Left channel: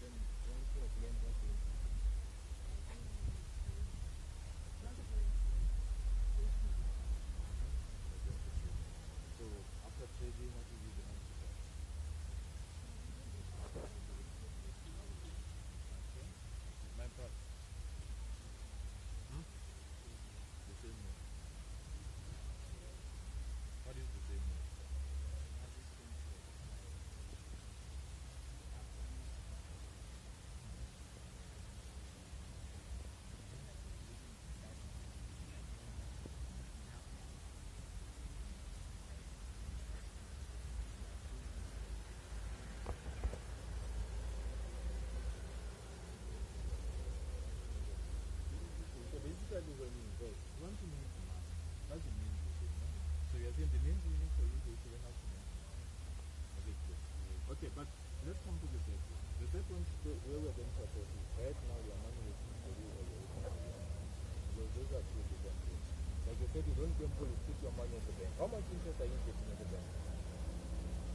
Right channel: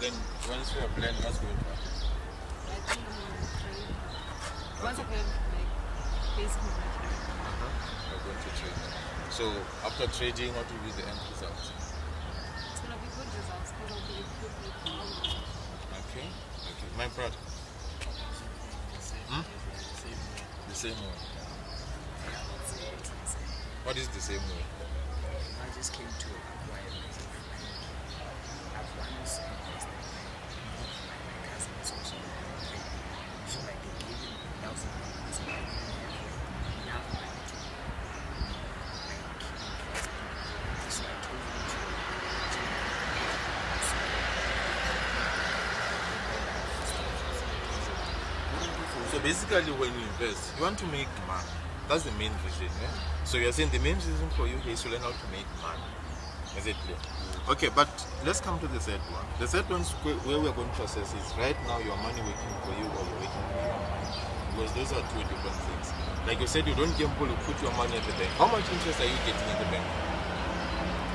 then once you are planning, what's going to happen? I think I'm gonna trade. Once I have like basic knowledge, You're going to trade. So after trading, what will be the end result? it's gonna be good results because I'll be equipped with knowledge. Okay. My brother. The same way. What is the same way? I just came to acquire myself. I've once invested my cousins also. So like they gave me $1,000. So I didn't have enough money to like invest. So I told them So basically when you invest, you want to make money. That's the main reason. So you're saying the main reason for you is to learn how to make money. Is it clear? Okay, but let's come to the third one. The third one is where we're going to assess is right now your money working for you or you're working for your money. Because those are two different things. Like you said, you don't gamble, you put your money at the bank. How much interest are you getting in the bank?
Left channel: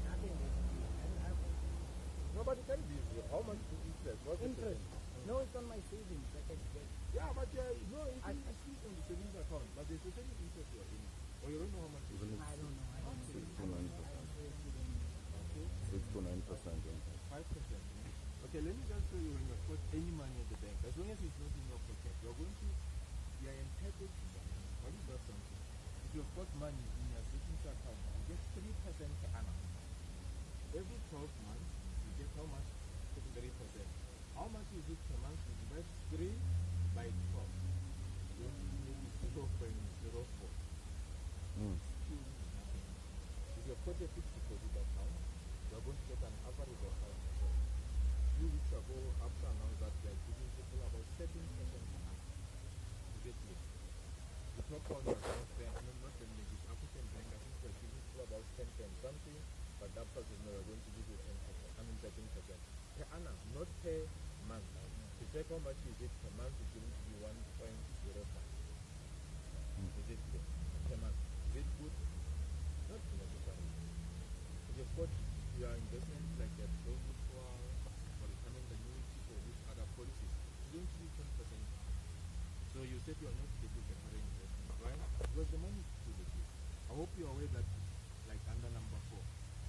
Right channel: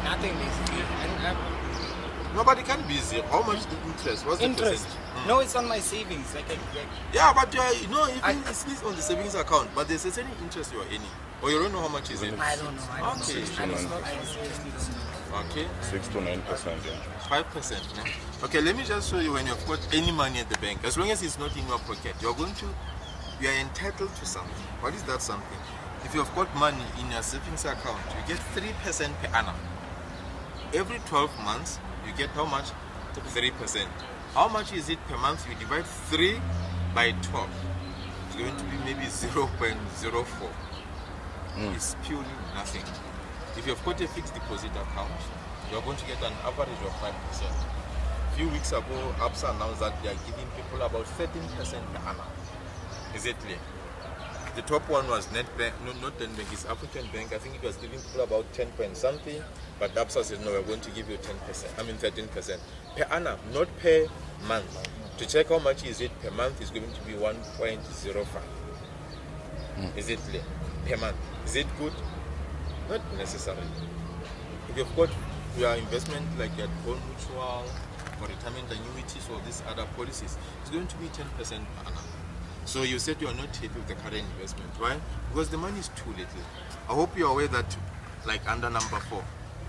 nothing basically. I don't have Nobody can be zero. How much the interest? What's interest. the percentage? No, it's on my savings. Like Yeah, but it's on the savings account, but there's a certain interest you're earning. Or you don't know how much is it? I don't know. I don't Okay. know. I seriously don't know. Okay. 6 to 9% interest. 5%. Yeah? Okay, let me just show you when you've got any money at the bank. As long as it's not in your pocket, you are entitled to something. What is that something? If you've got money in your savings account, you get 3% per annum. Every 12 months, you get how much? 3%. How much is it per month? You divide 3 by 12. It's going to be maybe 0.04. It's purely nothing. If you've got a fixed deposit account, you're going to get an average of 5%. A few weeks ago, ABSA announced that they are giving people about 13% per annum. Is it clear? The top one was Nedbank, no, not Nedbank, it's African Bank. I think it was giving people about 10 point something, but ABSA said no, we're going to give you 13% per annum, not per month. To check how much is it per month is going to be 1.05. Is it clear? Per month. Is it good? Not necessarily. If you've got your investment like your bond mutual or retirement annuities or these other policies, it's going to be 10% per annum. So you said you are not happy with the current investment. Why? Because the money is too little. I hope you're aware that, like under number 4,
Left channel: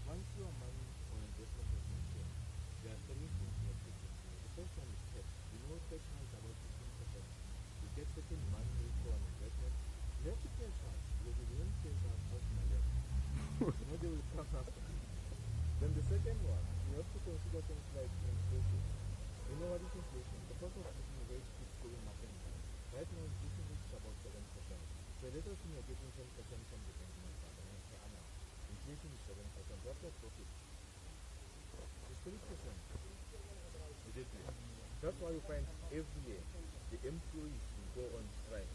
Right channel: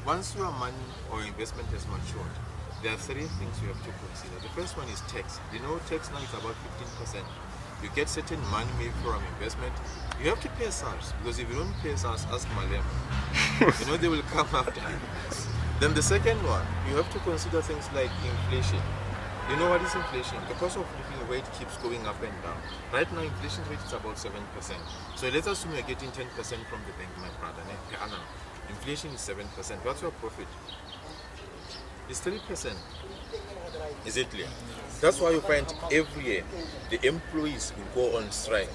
once your money or investment has matured, there are 3 things you have to consider. The first one is tax. You know, tax now is about 15%. You get certain money maybe from investment, you have to pay SARS, because if you don't pay SARS, ask Malem. They will come after you. Then the second one, you have to consider things like inflation. You know what is inflation? The cost of living rate keeps going up and down. Right now, inflation rate is about 7%. So let's assume you're getting 10% from the bank, my brother, per annum. Inflation is 7%. What's your profit? It's 3%. Is it clear? That's why you find every year the employees will go on strike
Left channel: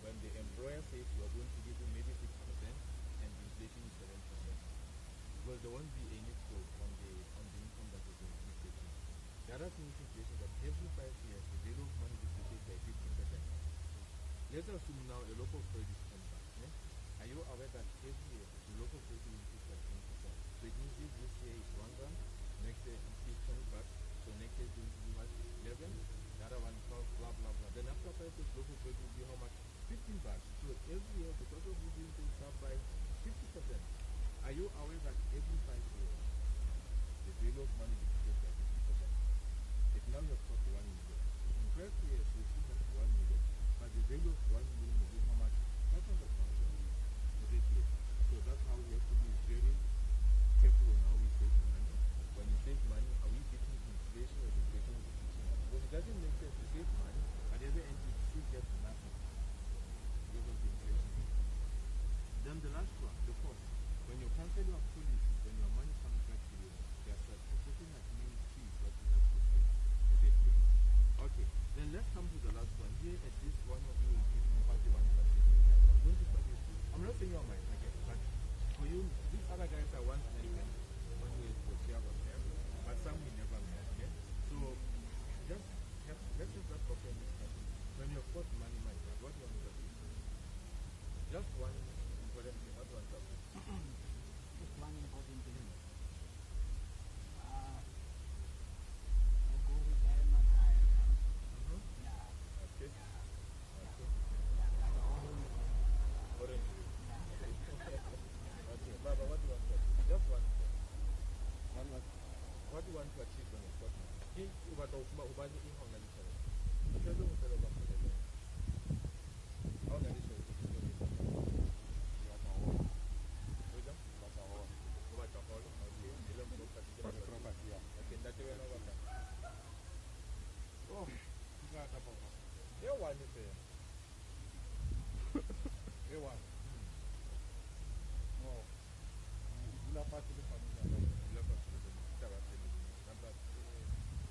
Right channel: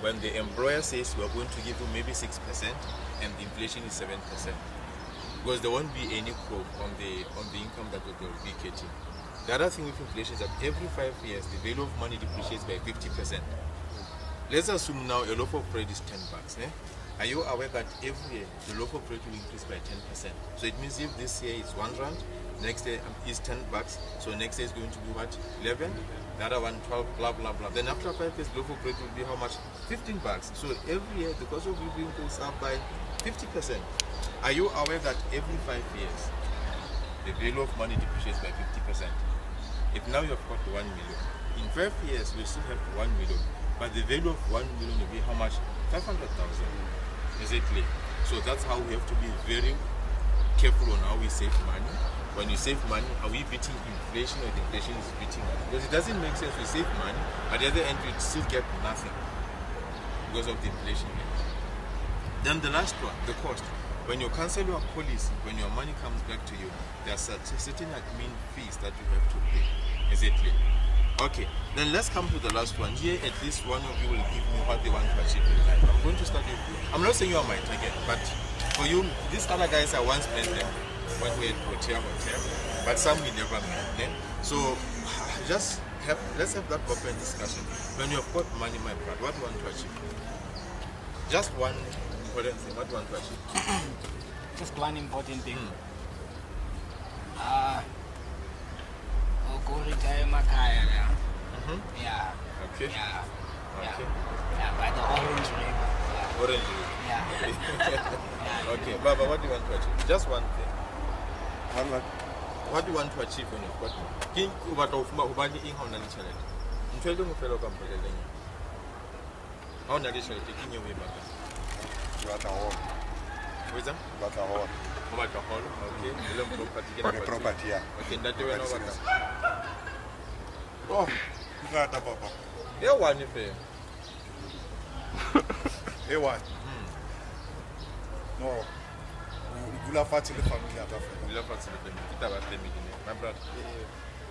when the employer says we're going to give you maybe 6% and the inflation is 7%. Because there won't be any growth on the income that they will be getting. The other thing with inflation is that every 5 years the value of money depreciates by 50%. Let's assume now a loaf of bread is $10. Are you aware that every year the loaf of bread will increase by 10%? So it means if this year is R1, next year is $10, so next year is going to be what? 11, the other one 12, blah blah blah. Then after 5 years, loaf of bread will be how much? $15. So every year the cost of living goes up by 50%. Are you aware that every 5 years the value of money depreciates by 50%? If now you have got 1 million, in 5 years we still have 1 million, but the value of 1 million will be how much? 500,000. Is it clear? So that's how we have to be very careful on how we save money. When you save money, are we beating inflation or the inflation is beating us? Because it doesn't make sense we save money, at the other end we still get nothing because of the inflation. Then the last one, the cost. When you cancel your policy, when your money comes back to you, there are certain admin fees that you have to pay. Is it clear? Okay, then let's come to the last one. Here, at least one of you will give me what they want to achieve in life. I'm going to start with you. I'm not saying you are my target, but for you, these other guys I once met them when we had hotel, but some we never met. So let's have that open discussion. When you have got money, my brother, what do you want to achieve? Just one important thing. What do you want to achieve? Just one important thing. I'll go Just one thing. One. What do you want to achieve when you've got money? King what of Ubani in on the challenge. I'm telling you, fellow company. On the additional taking you way back. What a home. Wisdom? What a home. How much a hall? Okay. Long property. For the property, yeah. Okay, that you know what. Oh, you got a papa. Yeah, one if you. Hey, what? No. You love the family of Africa. We love us with them. Kita about 10 million. My brother.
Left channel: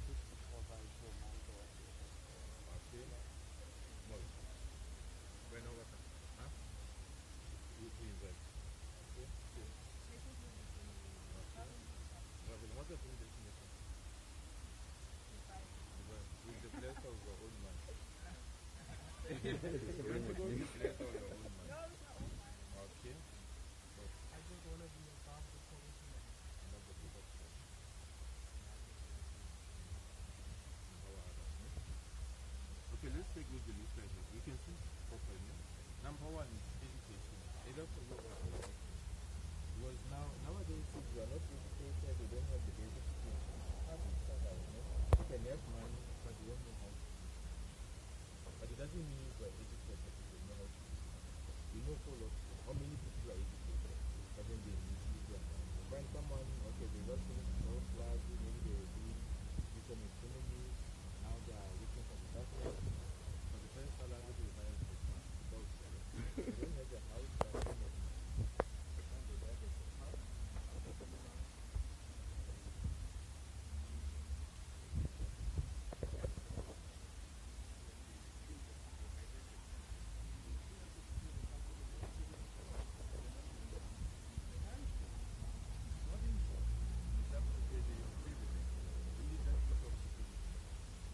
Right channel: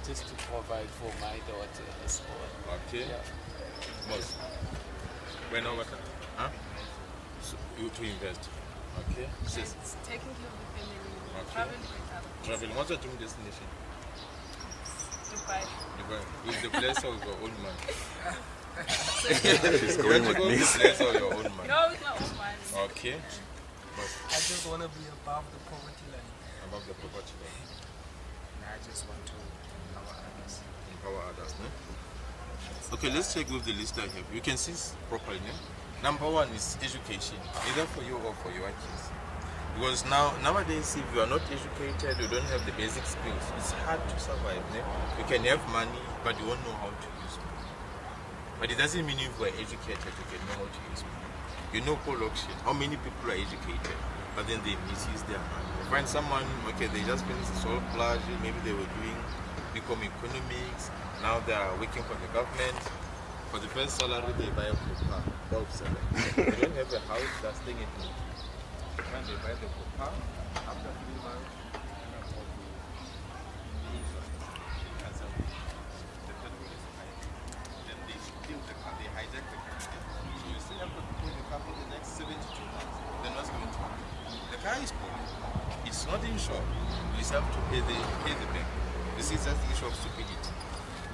Just to provide for my daughter as well. Okay. Yeah. Most. When over. Huh? So you to invest. Okay. Sis. It's taking care of the family. Okay. Traveling with other Travel. What's your dream destination? Dubai. Dubai. With the place of your own man. She's You going want to with go me. with the place of your own man. No, with my own money. Okay. But I just want to be above the poverty line. above the property line. And I just want to empower others. Empower others. No? Okay, let's check with the list I have. You can see properly. No? Number one is education, either for you or for your kids. Because nowadays, if you are not educated, you don't have the basic skills, it's hard to survive. No? You can have money, but you won't know how to use it. But it doesn't mean if you are educated, you can know how to use money. You know collocation. How many people are educated, but then they misuse their money? You find someone, okay, they just finished the soul plage, maybe they were doing become economics, now they are working for the government. For the first salary, they buy a car, about 7. They don't have a house, they're staying in it. When they buy the car, after 3 months, then they steal the car, they hijack the car. So you still have to pay the car for the next 72 months. Then what's going to happen? The car is poor. It's not insured. You still have to pay the bank. This is just the issue of stupidity.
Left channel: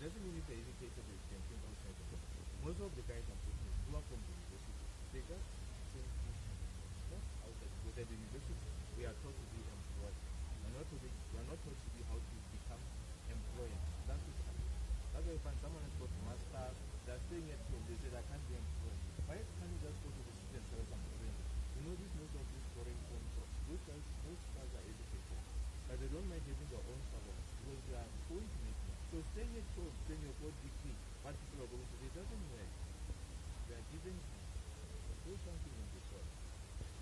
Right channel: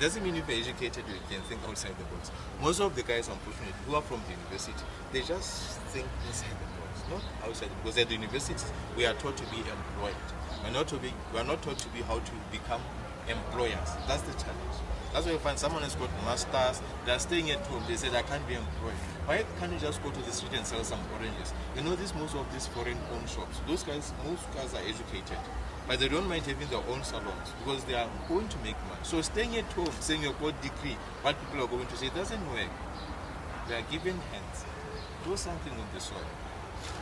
Doesn't mean if you're educated you can think outside the box. Most of the guys, unfortunately, who are from the university, they just think inside the box, not outside. Because at the university, we are taught to be employed. We are not taught to be how to become employers. That's the challenge. That's why you find someone has got masters, they're staying at home, they said I can't be employed. Why can't you just go to the street and sell some oranges? You know, most of these foreign owned shops, most guys are educated. But they don't mind having their own salons because they are going to make money. So staying at home, saying you've got degree, what people are going to say doesn't work. They are given hands. Do something with the soil.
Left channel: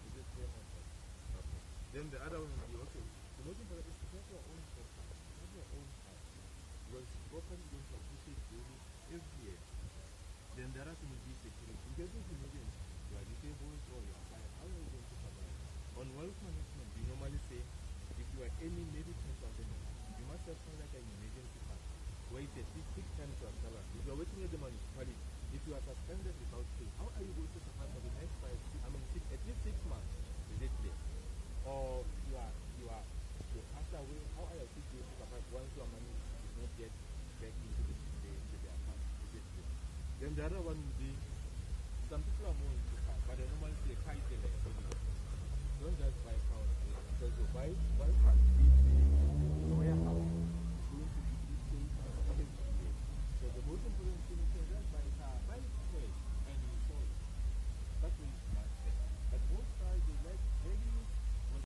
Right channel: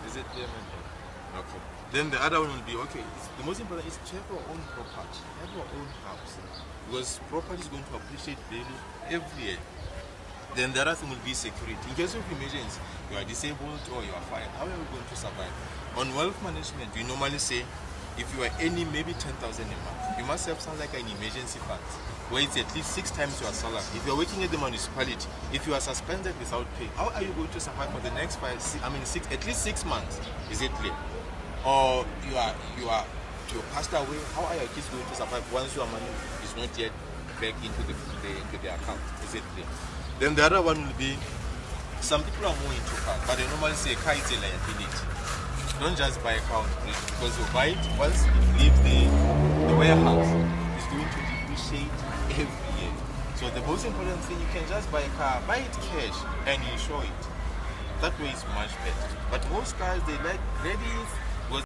Is it clear? Okay. Then the other one will be, okay, the most important is to have your own property, have your own house. Because property is going to appreciate value every year. Then the other thing will be security. In case of emergency, you are disabled or you are fired, how are you going to survive? On wealth management, we normally say, if you are earning maybe 10,000 a month, you must have something like an emergency fund, where it's at least 6 times your salary. If you are working at the municipality, if you are suspended without pay, how are you going to survive for the next at least 6 months? Is it clear? Or you passed away, how are your kids going to survive once your money is not yet back into the account? Is it clear? Then the other one will be, some people are more into cars, but they normally say car is a liability. Don't just buy a car on credit, because you buy it once it leaves the warehouse, it's going to depreciate every year. So the most important thing, you can just buy a car, buy it cash and insure it. That way it's much better. But most cars, they like credits,